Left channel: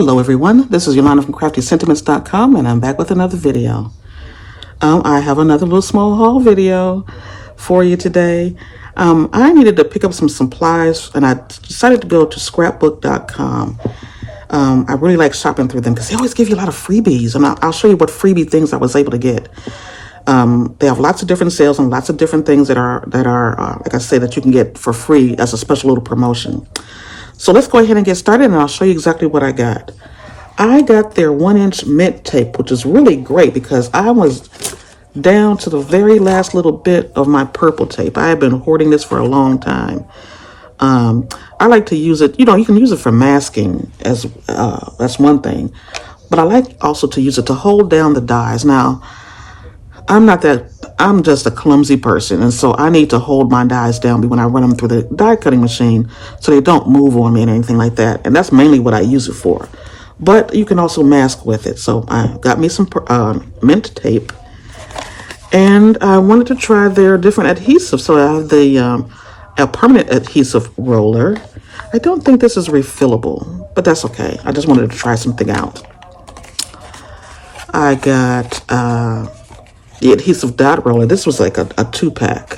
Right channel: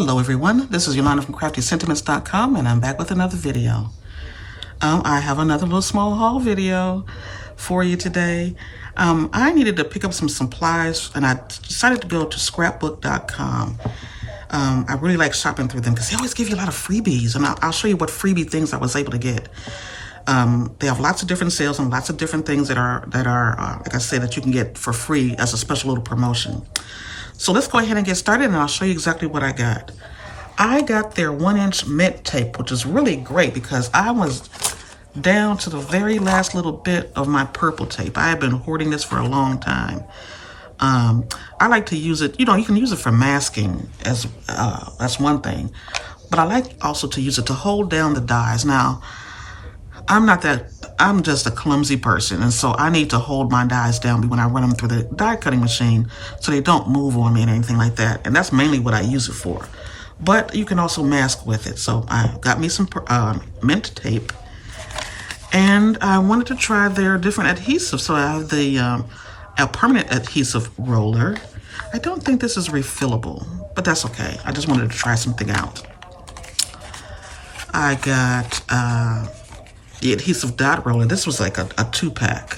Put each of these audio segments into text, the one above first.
Hello everyone, this is Yolanda from CraftyScentiments.com and I'm back with another video. I have another little small haul video for you today. I needed to pick up some supplies and I decided to go to scrapbook.com. I really like shopping through them because they always give you a lot of freebies, and I'll show you what freebie things I was able to get. They have lots of different sales and lots of different things that are like I say, that you can get for free as a special little promotion. So let's go ahead and get started, and I'll show you exactly what I got. I got their 1-inch mint tape, which is really great because I was down to the very last little bit of my purple tape. I have been hoarding this for a long time. I like to use it, you can use it for masking, as that's one thing, but I like also to use it to hold down the dies. Now, I'm just a clumsy person, and so I need to hold my dies down when I run them through the die cutting machine so they don't move on me and anything like that, and that's mainly what I use it for. But you can also mask with it. So I got me some mint tape, and I wanted to try their different adhesives. So I have the a permanent adhesive roller. I don't think this is refillable, but that's okay. I just wanted to try something out. I got the adhesive dot roller. This was like a 2-pack.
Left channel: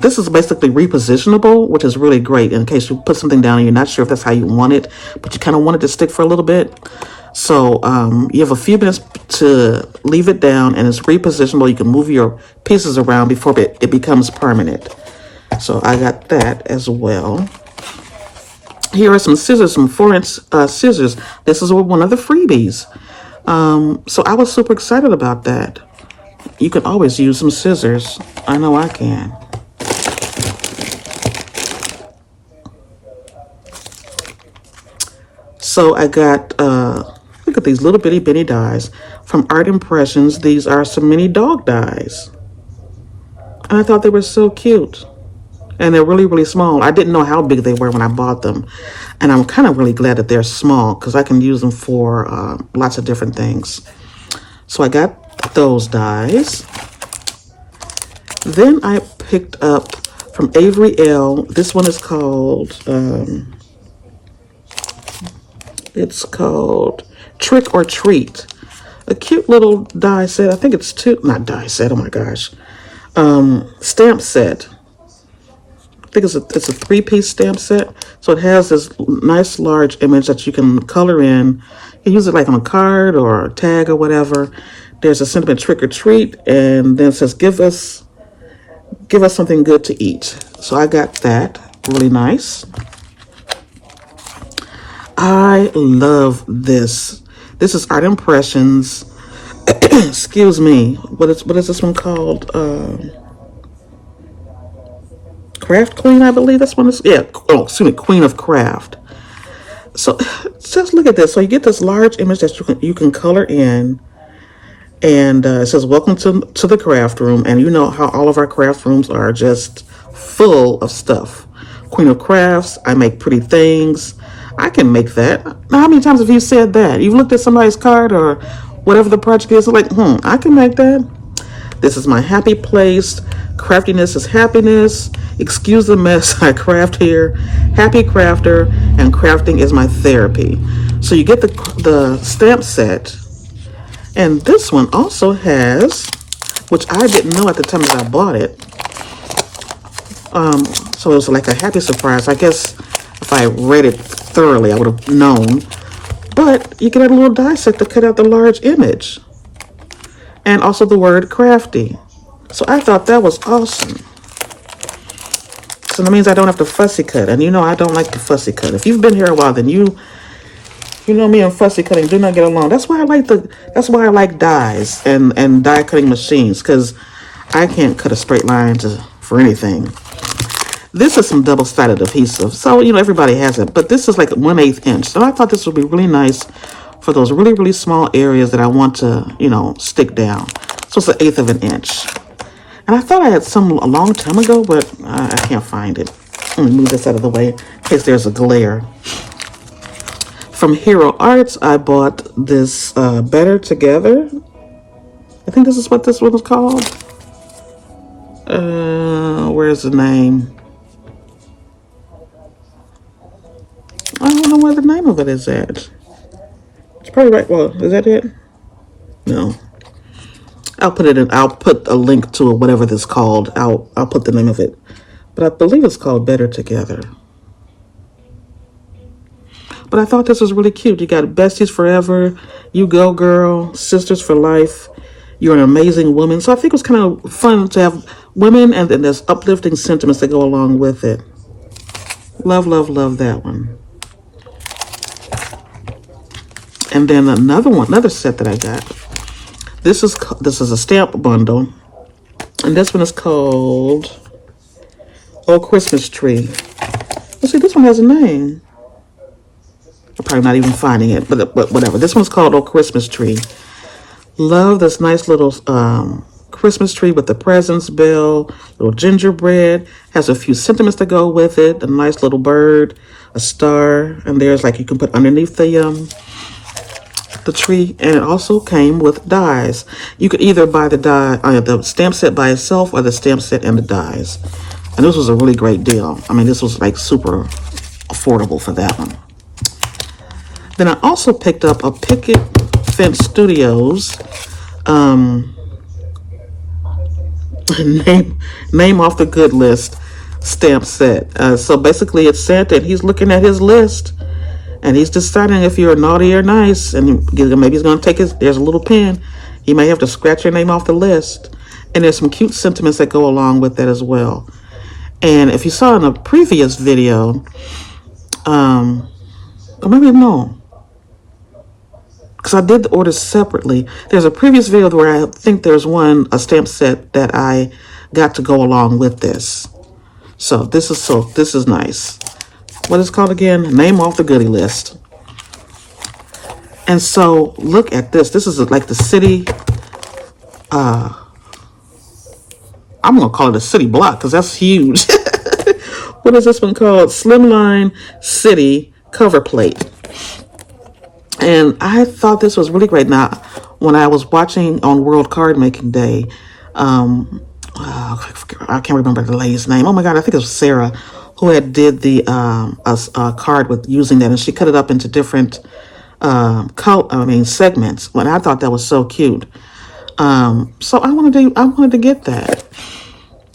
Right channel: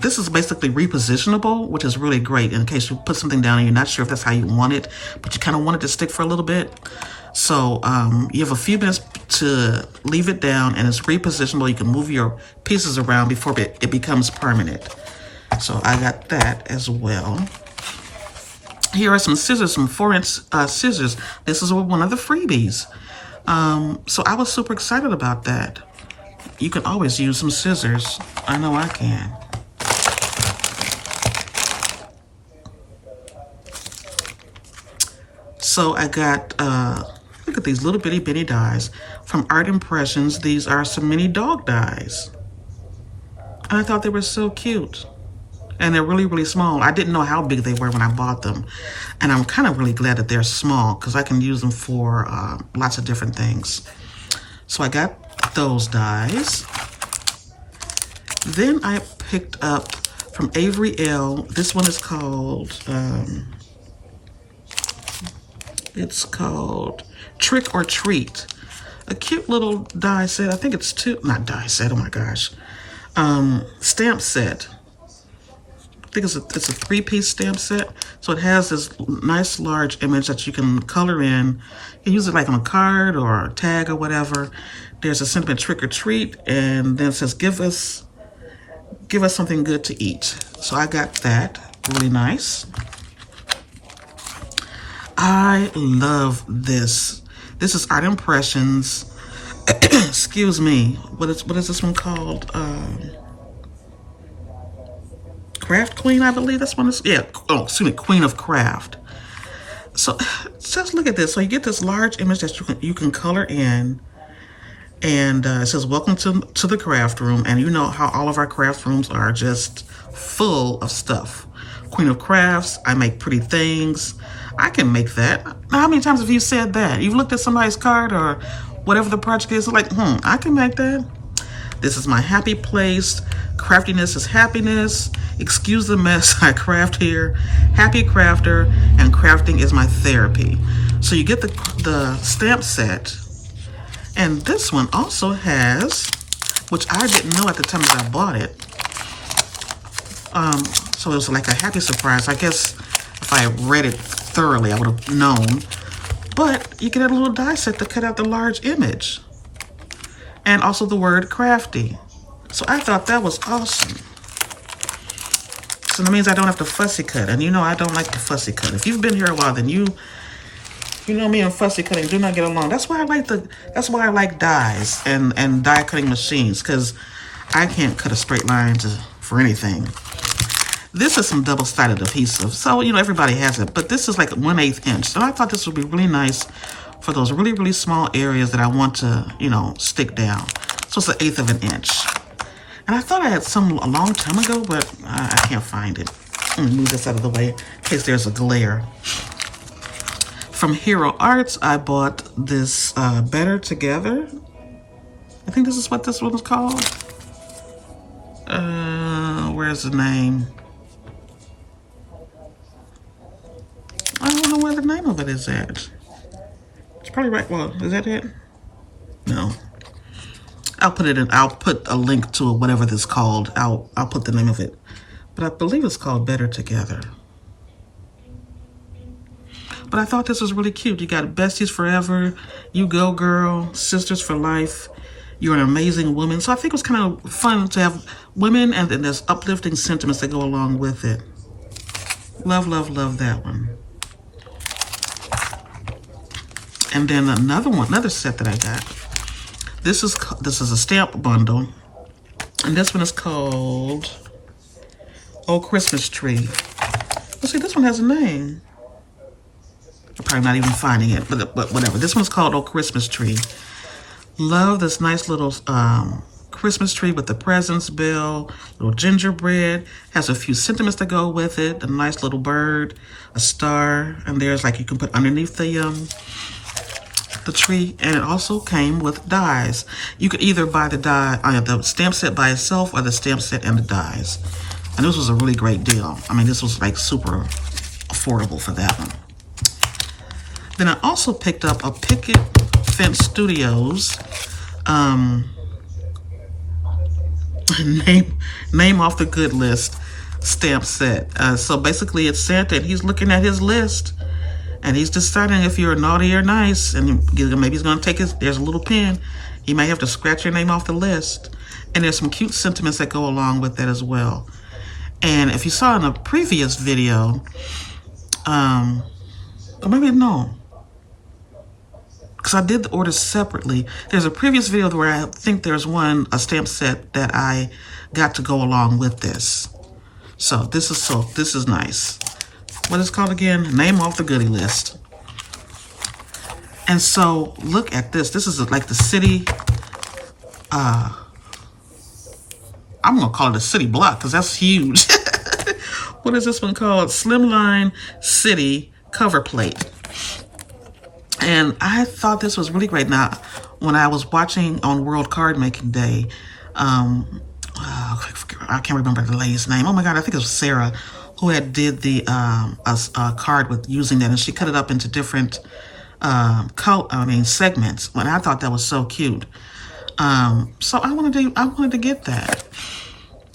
This is basically repositionable, which is really great in case you put something down and you're not sure if that's how you want it, but you kind of want it to stick for a little bit. So you have a few minutes to leave it down, and it's repositionable. You can move your pieces around before it becomes permanent. So I got that as well. Here are some scissors, some 4-inch scissors. This is one of the freebies. So I was super excited about that. You can always use some scissors. I know I can. So I got, look at these little bitty dies from Art Impressions. These are some mini dog dies. And I thought they were so cute. And they're really, really small. I didn't know how big they were when I bought them. And I'm kind of really glad that they're small because I can use them for lots of different things. So I got those dies. Then I picked up from Avery, Elle. This one is called, it's called Trick or Treat. A cute little die set. I think it's not die set, oh my gosh. Stamp set. I think it's a 3-piece stamp set. So it has this nice large image that you can color in. You can use it like on a card or a tag or whatever. There's a sentiment trick or treat, and then it says give us something good to eat. So I got that. Really nice. I love this. This is Art Impressions. Excuse me. What is this one called? Craft Queen, I believe this one is. Yeah. Oh, excuse me, Queen of Craft. So just look at this. So you get this large image that you can color in, and it says welcome to the craft room. And you know how all of our craft rooms are just full of stuff. Queen of Crafts. I make pretty things. I can make that. Now, how many times have you said that? You've looked at somebody's card or whatever the project is, like, I can make that. This is my happy place. Craftiness is happiness. Excuse the mess I craft here. Happy crafter, and crafting is my therapy. So you get the stamp set. And this one also has, which I didn't know at the time that I bought it. So it was like a happy surprise. I guess if I read it thoroughly, I would have known. But you get a little die set to cut out the large image. And also the word crafty. So I thought that was awesome. So that means I don't have to fussy cut. And I don't like to fussy cut. If you've been here a while, then you know me and fussy cutting do not get along. That's why I like dies and die cutting machines, because I can't cut a straight line for anything. This is some double-sided adhesive. So, everybody has it, but this is like 1/8 inch. So I thought this would be really nice for those really, really small areas that I want to, stick down. So it's 1/8 of an inch. And I thought I had some a long time ago, but I can't find it. Let me move this out of the way in case there's a glare. From Hero Arts, I bought this Better Together. I think this is what this one is called. Where's the name? I don't know where the name of it is that? It's probably right. Well, is that it? No. I'll put it in. I'll put a link to it, whatever this is called. I'll put the name of it. But I believe it's called Better Together. But I thought this was really cute. You got besties forever, you go girl, sisters for life, you're an amazing woman. So I think it was kind of fun to have women, and then there's uplifting sentiments that go along with it. Love, love, love that one. And then another set that I got. This is a stamp bundle, and this one is called Oh Christmas Tree. Let's see, this one has a name. I'm probably not even finding it, but whatever. This one's called Oh Christmas Tree. Love this nice little Christmas tree with the presents bell, little gingerbread. Has a few sentiments that go with it. A nice little bird, a star, and there's like you can put underneath the tree. And it also came with dies. You could either buy the stamp set by itself or the stamp set and the dies. And this was a really great deal. I mean, this was like super affordable for that one. Then I also picked up a Picket Fence Studios name off the good list stamp set. So basically it's Santa, and he's looking at his list, and he's deciding if you're naughty or nice, and maybe he's going to take there's a little pen. He may have to scratch your name off the list. And there's some cute sentiments that go along with that as well. And if you saw in a previous video, or maybe no, because I did the orders separately. There's a previous video where I think there's a stamp set that I got to go along with this. So this is nice. What is it called again? Name off the goodie list. And so look at this. This is like the city. I'm gonna call it a city block because that's huge. What is this one called? Slimline City cover plate. And I thought this was really great. Now, when I was watching on World Card Making Day, I can't remember the lady's name. Oh my God, I think it was Sarah who had did the card with using that, and she cut it up into different segments. And I thought that was so cute. So I wanted to get that,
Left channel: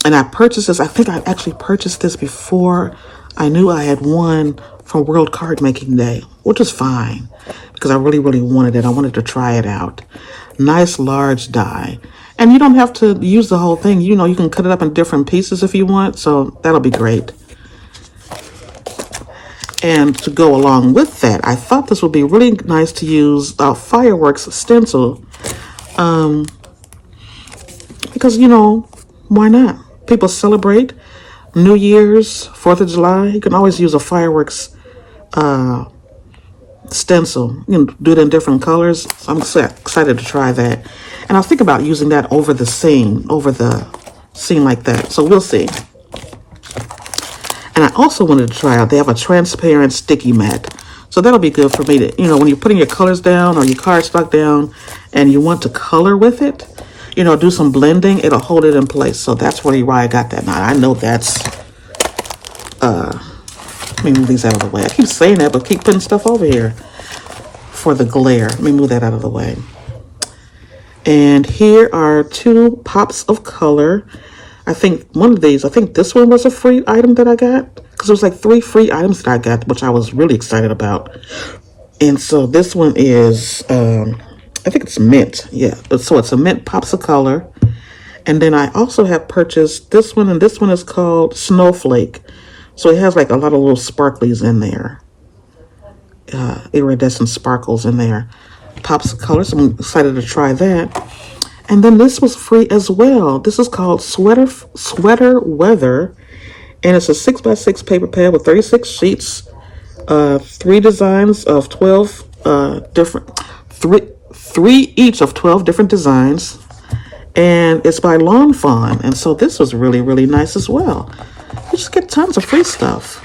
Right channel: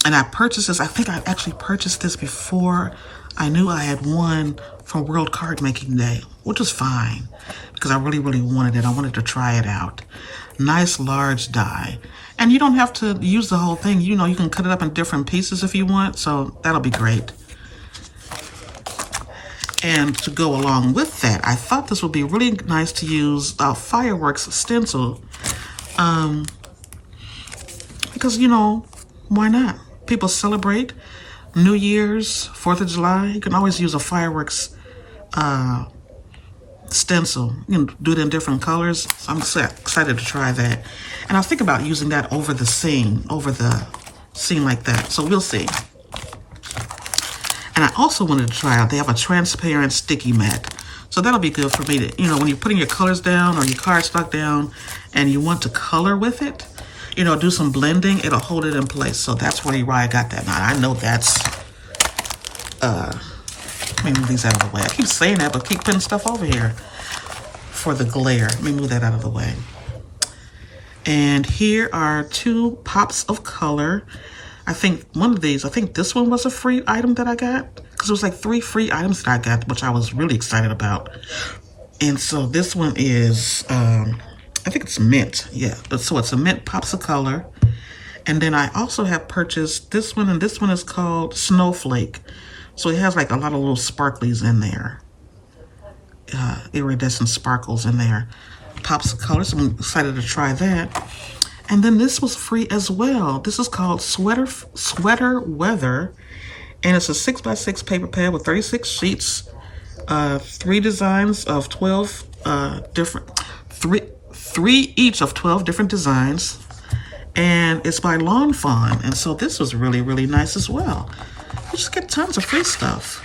and I purchased this. I think I actually purchased this before I knew I had won from World Card Making Day, which was fine because I really, really wanted it. I wanted to try it out. Nice large die. And you don't have to use the whole thing. You know, you can cut it up in different pieces if you want. So that'll be great. And to go along with that, I thought this would be really nice to use a fireworks stencil. Because, you know, why not? People celebrate New Year's, 4th of July. You can always use a fireworks stencil. You can do it in different colors. So I'm excited to try that. And I'll think about using that over the scene like that. So we'll see. And I also wanted to try out, they have a transparent sticky mat. So that'll be good for me to, you know, when you're putting your colors down or your cardstock down and you want to color with it, you know, do some blending, it'll hold it in place. So that's why I got that. Now, I know that's, let me move these out of the way. I keep saying that, but keep putting stuff over here for the glare. Let me move that out of the way. And here are 2 pops of color. I think this one was a free item that I got, because it was like 3 free items that I got, which I was really excited about. And so this one is, I think it's mint. Yeah, so it's a mint pops of color. And then I also have purchased this one, and this one is called Snowflake. So it has like a lot of little sparklies in there. Iridescent sparkles in there. Pops of color, so I'm excited to try that. And then this was free as well. This is called Sweater Weather. And it's a 6x6 paper pad with 36 sheets. 3 designs of 12 three each of 12 different designs. And it's by Lawn Fawn. And so this was really, really nice as well. You just get tons of free stuff.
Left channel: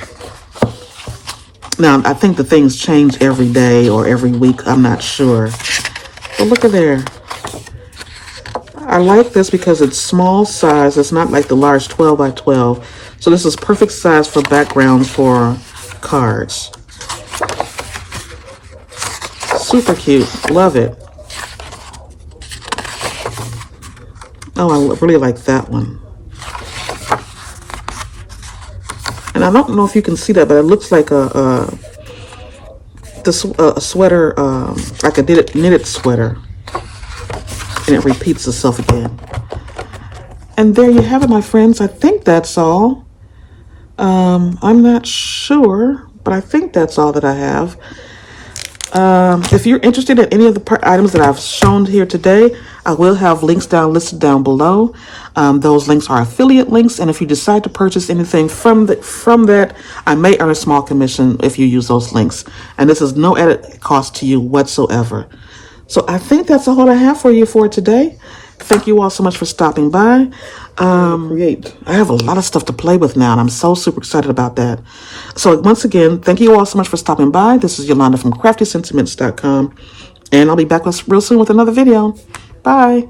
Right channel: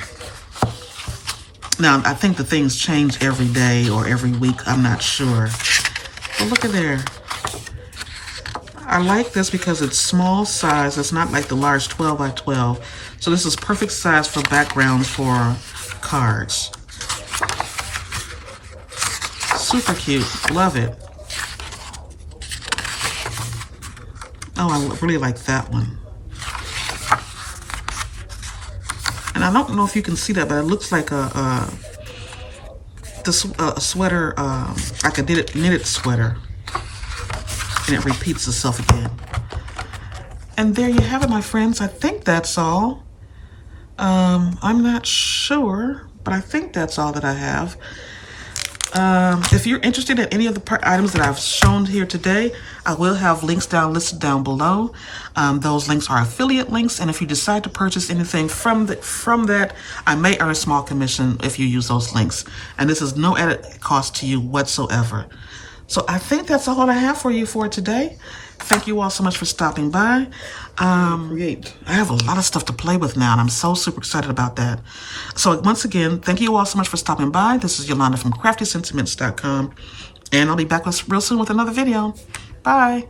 Now, I think the things change every day or every week. I'm not sure. But look at there. I like this because it's small size. It's not like the large 12 by 12. So this is perfect size for backgrounds for cards. Super cute. Love it. Oh, I really like that one. And I don't know if you can see that, but it looks like a sweater, like a knitted sweater. And it repeats itself again. And there you have it, my friends. I think that's all. I'm not sure, but I think that's all that I have. If you're interested in any of the items that I've shown here today, I will have links listed down below. Those links are affiliate links, and if you decide to purchase anything from that, I may earn a small commission if you use those links. And this is no added cost to you whatsoever. So I think that's all I have for you for today. Thank you all so much for stopping by. I have a lot of stuff to play with now, and I'm so super excited about that. So once again, thank you all so much for stopping by. This is Yolanda from CraftyScentiments.com, and I'll be back real soon with another video. Bye.